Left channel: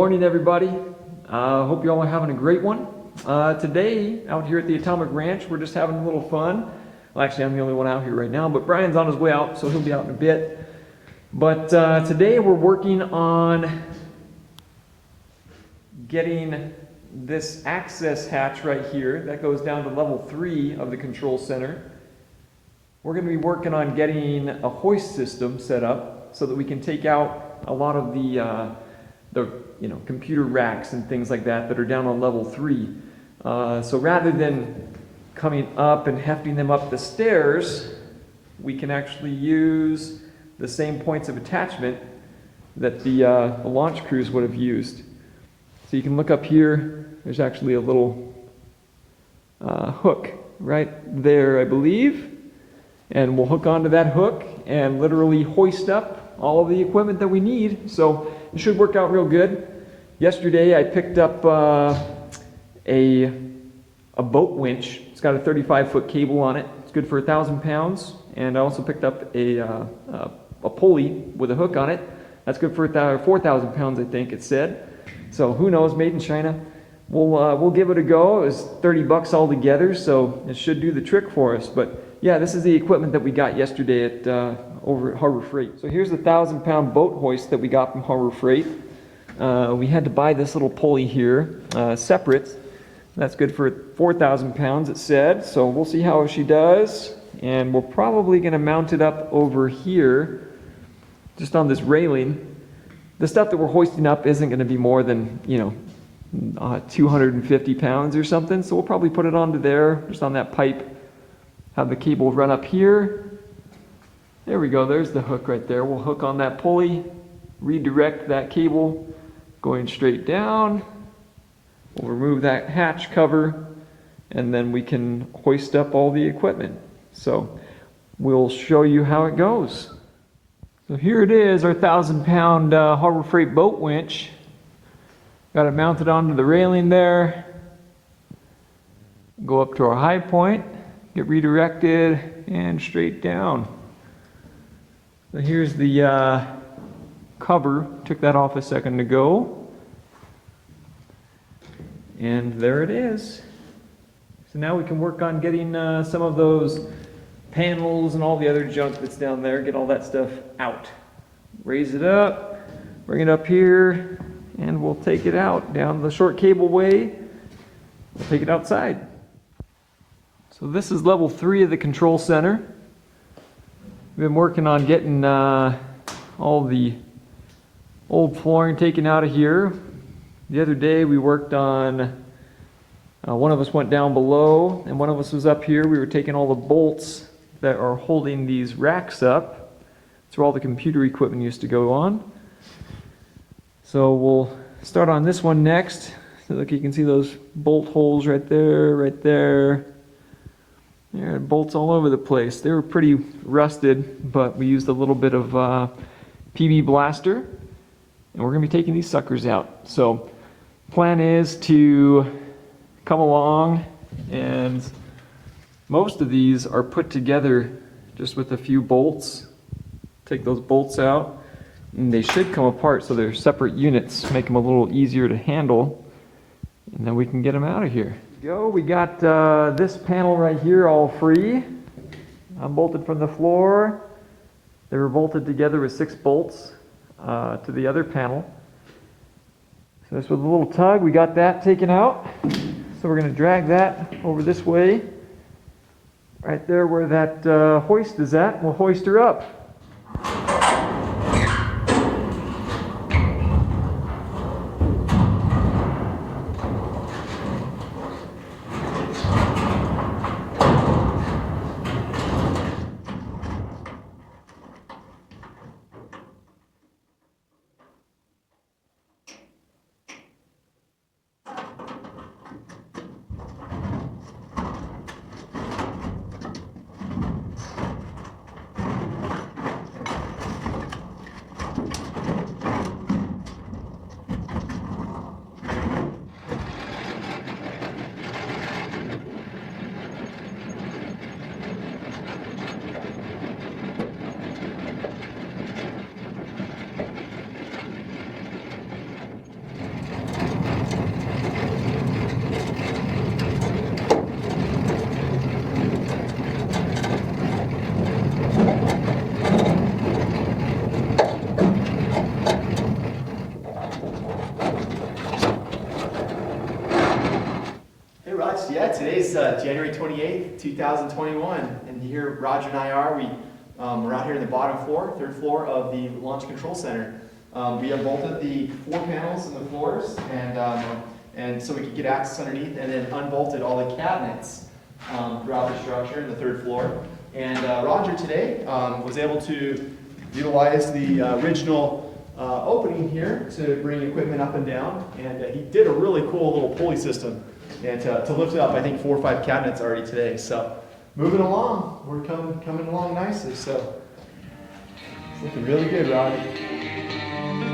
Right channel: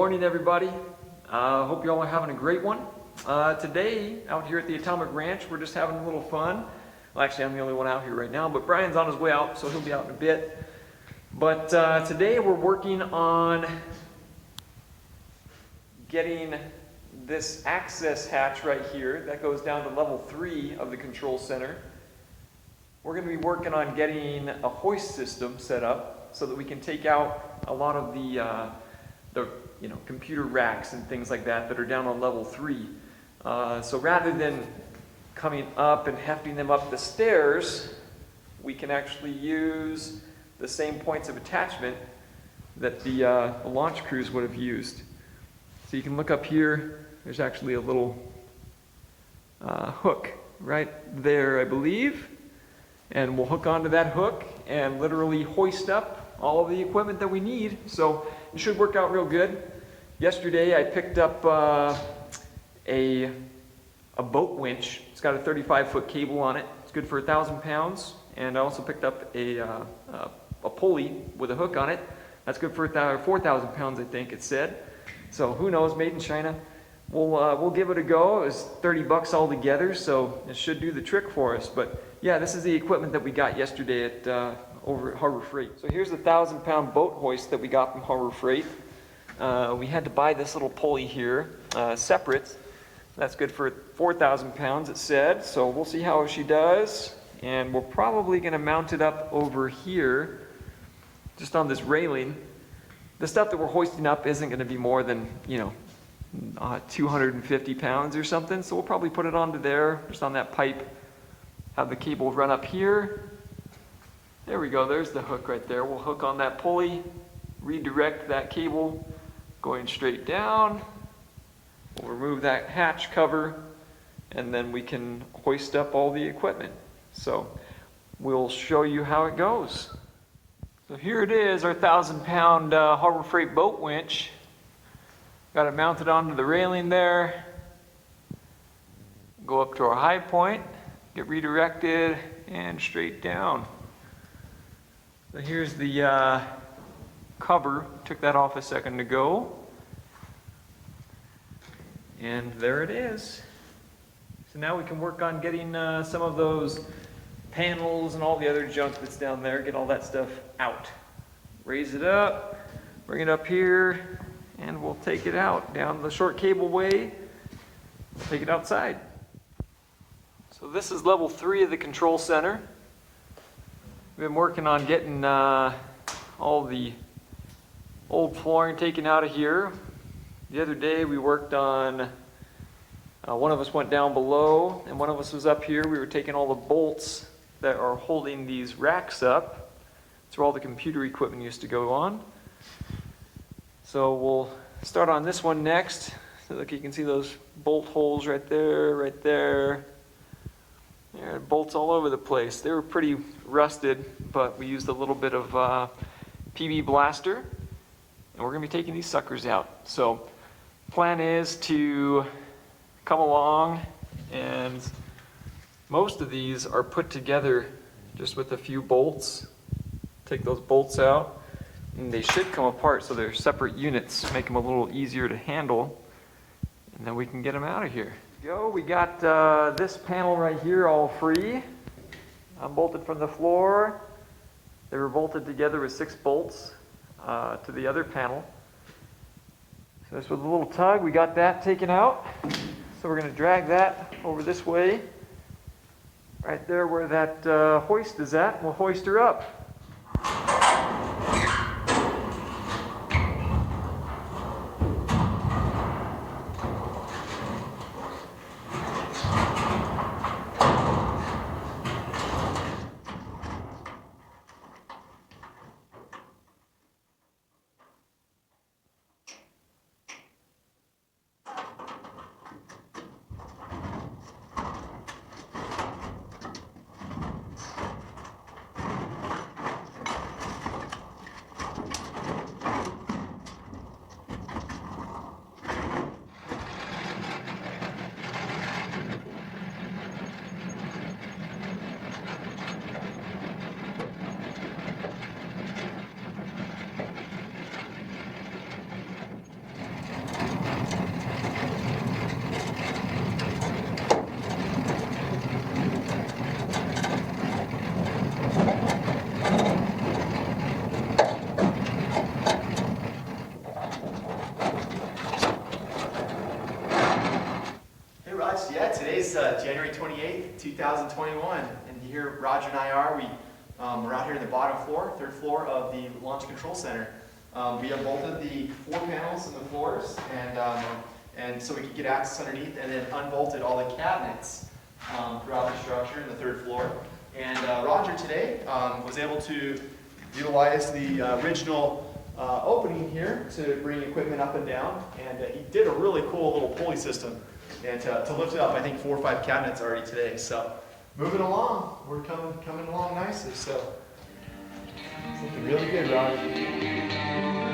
morning, everybody. Hope you all are having a great one. Today, out here at the Atomic Ranch, we're just having a little fun. Well, actually, I'm the only one out here right now, but Brian's on his way out, so he'll be out in a bit. But today, we're working on getting this access hatch right here that goes down to level 3 of the control center. We're going to be working on getting a hoist system set up so that we can take out a lot of the computer racks and things like that are down on level 3. So rather than coming up and hefting them up the stairs, we can actually use the same points of attachment that the launch crews would have used. So you can look up here, there's actually a little hook right there, I believe. And we'll hook onto that hook and literally hoist up all of the equipment that we need. So it should work out real good. Yesterday I picked up a boat winch. It's got a 35-foot cable on it. It's good for 1,000 pounds. And I also picked up a pulley with a hook on it. That's good for 4,000 pounds, I think it said. So who knows, made in China. We'll give it a go. It was 30 bucks altogether, so it should do the trick for us. But yeah, this is the equipment that we got yesterday at over at Harbor Freight. So here's the 1,000-pound boat hoist that we got from Harbor Freight. We had to buy this little pulley here separate. That's good for 4,000 pounds, it said. So we'll see how she does. And we're probably going to mount it up over here, just on this railing. The stuff that we're hoisting up isn't going to be more than, 250 pounds or something. So we'll probably put it onto there, just on that pipe. Have the cable run up here. There we go, there's the hook right there. We'll hook on that pulley, redirect that cable going straight down. We'll remove that hatch cover, and then we can hoist up all the equipment. So we'll show you how it goes. So here it is, our 1,000-pound Harbor Freight boat winch. Got it mounted onto the railing there. Go up to our high point, get redirected, and straight down. So here's the cover. Took that off a second ago. And there it is. So now we can work on getting some of those panels and all the other junk that's down there, get all that stuff out. Raise it up, bring it up here, and we'll take it out down the short cableway. We'll take it outside. So this is level 3 of the control center. We've been working on getting all the old flooring taken out of here. The other day we worked on, one of us went down below and one of us was up here. We were taking all the bolts that are holding these racks up. That's where all the computer equipment used to go on. So we'll start on this one next. So look, you can see those bolt holes right there, right there. Yeah, bolts all over the place. They were pretty rusted, but we used a little bit of PB Blaster, and we're going to be taking these suckers out. So plan is to come along, and most of these are put together just with a few bolts. Take those bolts out, and they should come apart so they're separate units, make them a little easier to handle, and then we can get them out of here. We got this panel right here all free, unbolted from the floor. They were bolted together with 6 bolts to the other panel. So this with a little tug, we got that taken out. So we're going to drag that over this way, right there where that hoist is at. We'll hoist her up. 2021, and here Roger and I are. We're out here in the bottom floor, third floor of the Launch Control Center. We unbolted the 4 panels in the floors, and so we could get access underneath, and then unbolted all the cabinets throughout the structure in the 3rd floor. And Roger today was able to utilize the original opening here to bring equipment up and down, and he did a really cool little pulley system and to lift up, I think, 4 or 5 cabinets already today. So moving along, we're coming along nicely. So it's looking really good, Roger.